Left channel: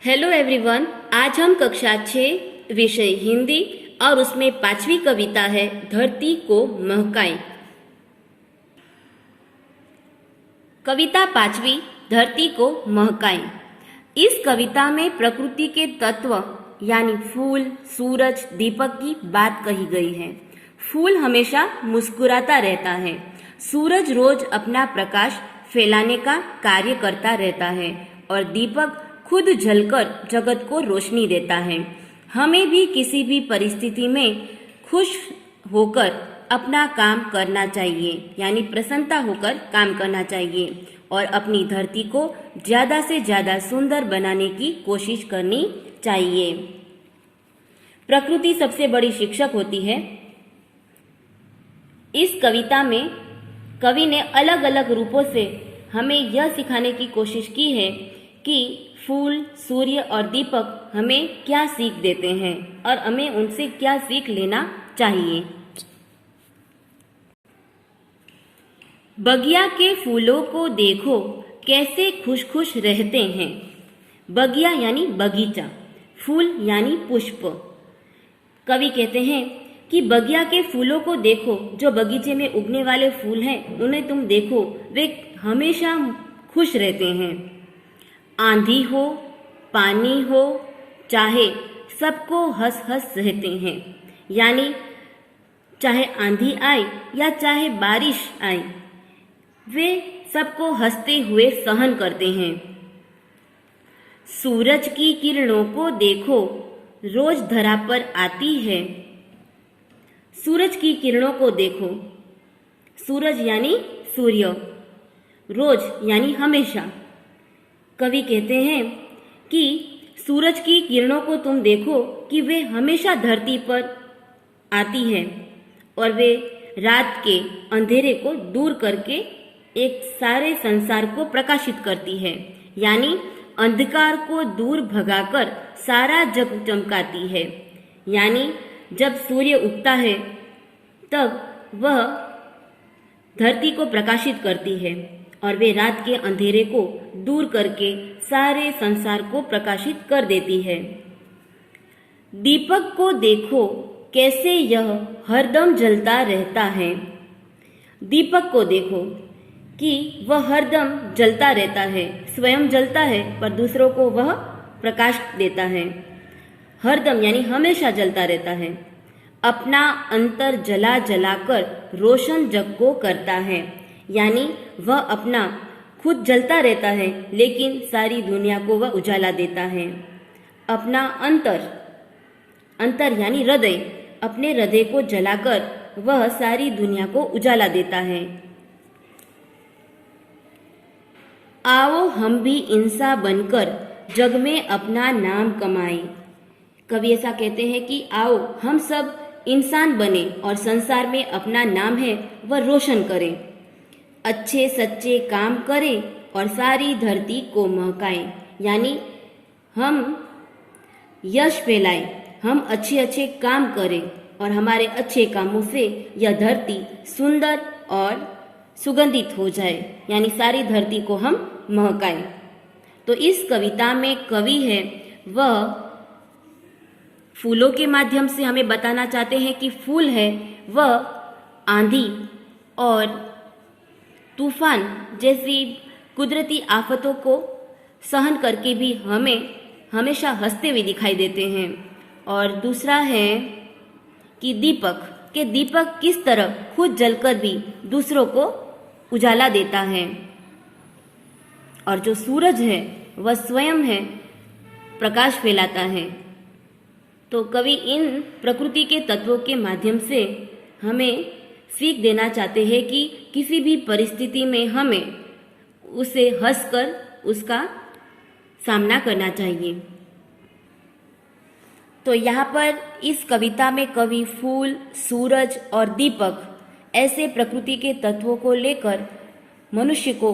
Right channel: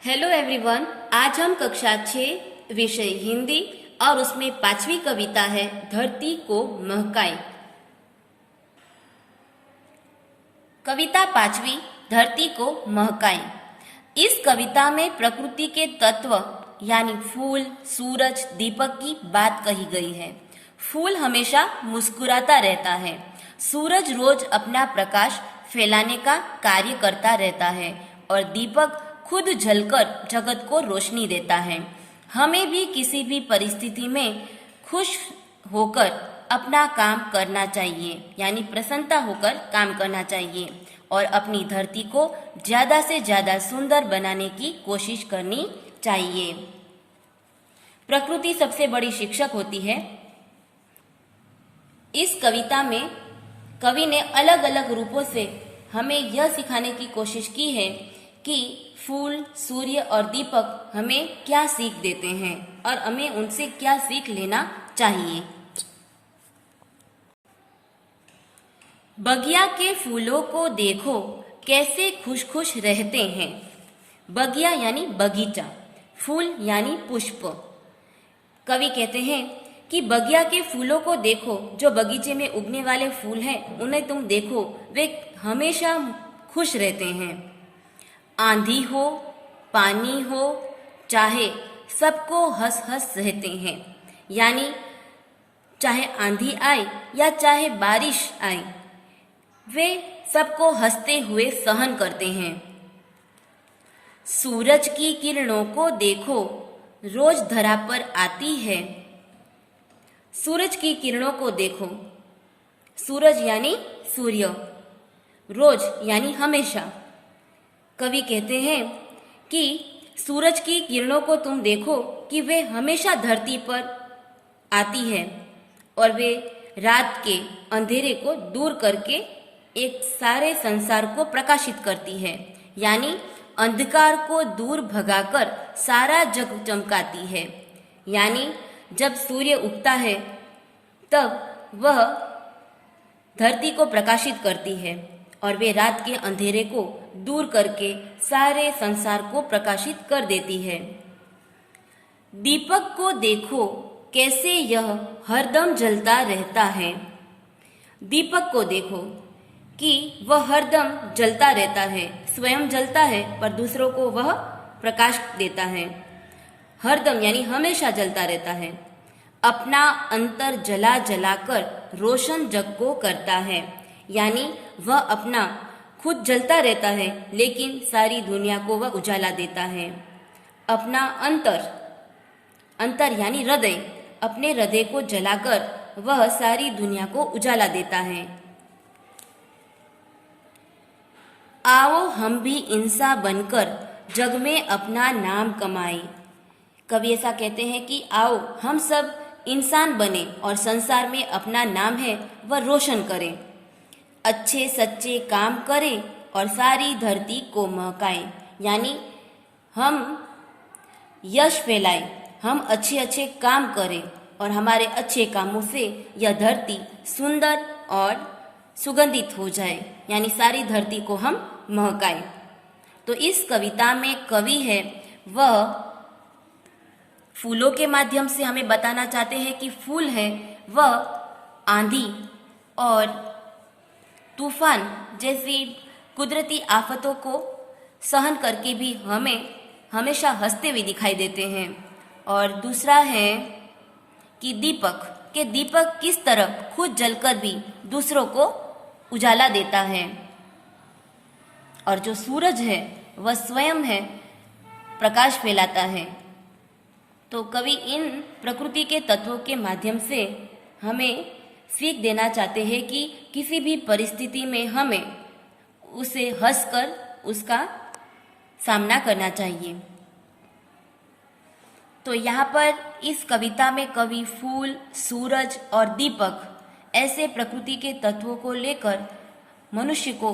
Hello everyone, आज हम कक्षा 6 विषय हिंदी और उसमें 5वीं कविता है धरती को महकाएं। कविता 5वीं धरती को महकाएं। इस कविता में प्रकृति के तत्व यानी फूल, सूरज, दीपक की बात कही गई है। फूल हमेशा मुस्कुराता रहता है। सूरज रोज अपना प्रकाश फैलाने का कार्य करता रहता है और दीपक खुद जलकर जगत को रोशनी देता है। हमें भी किसी भी परिस्थिति में खुश होकर अपना काम करना चाहिए, यानी प्रसन्नता होकर काम करना चाहिए और अपनी धरती को ज़्यादा से ज़्यादा सुंदर बनाने की कोशिश करनी चाहिए। प्रकृति सबसे बड़ी शिक्षक होती है। इस कविता में कवि ने अलग अलग रूपों से हमें यह सिखाने की कोशिश की है कि फूल, सूर्य और दीपक हमें क्या सीख देते हैं और हमें उनसे क्या सीख लेना चाहिए। बगिया के फूलों को देखो कैसे खुश खुश रहते हैं। बगिया यानी बगीचा, फूल यानी पुष्प। कवि कहते हैं कि बगिया के फूलों को देखो, जो बगीचे में उगने वाले फूल हैं उन्हें तुम देखो, वे हमेशा खुश रहते हैं। आंधी हो, पानी हो, चाहे सबको हंस हंस रहते हैं, यानी चाहे आंधी आए या चाहे बारिश आए, वे सबको हंसते हुए सहन करते हैं। सूरज की किरणों को देखो रोज धरा पर आती है। सूरज की किरणों को देखो, सूरज यानी सूर्य, रोज यानी हमेशा। कवि कहते हैं कि सूरज की किरणों को तुम देखो कि वे हमेशा धरती पर आती है और वे रात के अंधेरे को दूर करके एक सारे संसार को प्रकाशित करती है, यानी अंधकार को दूर भगाकर सारा जग चमकाती है। यानी जब सूर्य उगता है तब वह धरती को प्रकाशित करती है और वे रात के अंधेरे को दूर करके सारे संसार को प्रकाशित कर देती है। दीपक को देखो कैसे यह हरदम जलता रहता है। दीपक को देखो कि वह हरदम जलता रहता है, स्वयं जलता है पर दूसरों को वह प्रकाश देता है। हरदम यानी हमेशा जलता रहता है। अपना अंतर जला जलाकर रोशन जग को करता है, यानी वह अपना खुद जलता रहता है लेकिन सारी दुनिया को वह उजाला देता है। अपना अंतर यानी हृदय, अपने हृदय को जलाकर वह सारी दुनिया को उजाला देता है। आओ हम भी इंसान बनकर जग में अपना नाम कमाएं। कवि ऐसा कहते हैं कि आओ हम सब इंसान बने और संसार में अपना नाम है वह रोशन करें। अच्छे सच्चे काम करें और सारी धरती को महकाएं, यानी हम यश फैलाएं, हम अच्छे काम करें और हमारे अच्छे कामों से यह धरती सुंदर और सुगंधित हो जाए, यानी सारी धरती को हम महकाएं। तो इस कविता में कवि है वह फूलों के माध्यम से हमें बताना चाहते हैं कि फूल है वह आंधी और तूफान जैसी कुदरती आफतों को सहन करके भी हमें हमेशा हंसते हुए दिखाई देते हैं। और दूसरा है कि दीपक किस तरह खुद जलकर भी दूसरों को उजाला देता है और जो सूरज है वह स्वयं है प्रकाश फैलाता है। तो कवि इन प्रकृति के तत्वों के माध्यम से हमें सीख देना चाहते हैं कि किसी भी परिस्थिति में हमें उसे हंसकर उसका सामना करना चाहिए। तो यहाँ पर इस कविता में कवि फूल, सूरज और दीपक ऐसे प्रकृति के तत्वों को लेकर मनुष्य को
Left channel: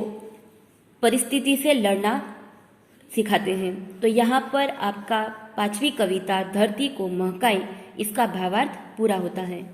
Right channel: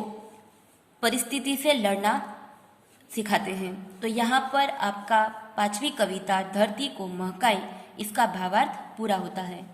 परिस्थिति से लड़ना सिखाते हैं। तो यहाँ पर आपका 5वीं कविता धरती को महकाएं इसका भावार्थ पूरा होता है।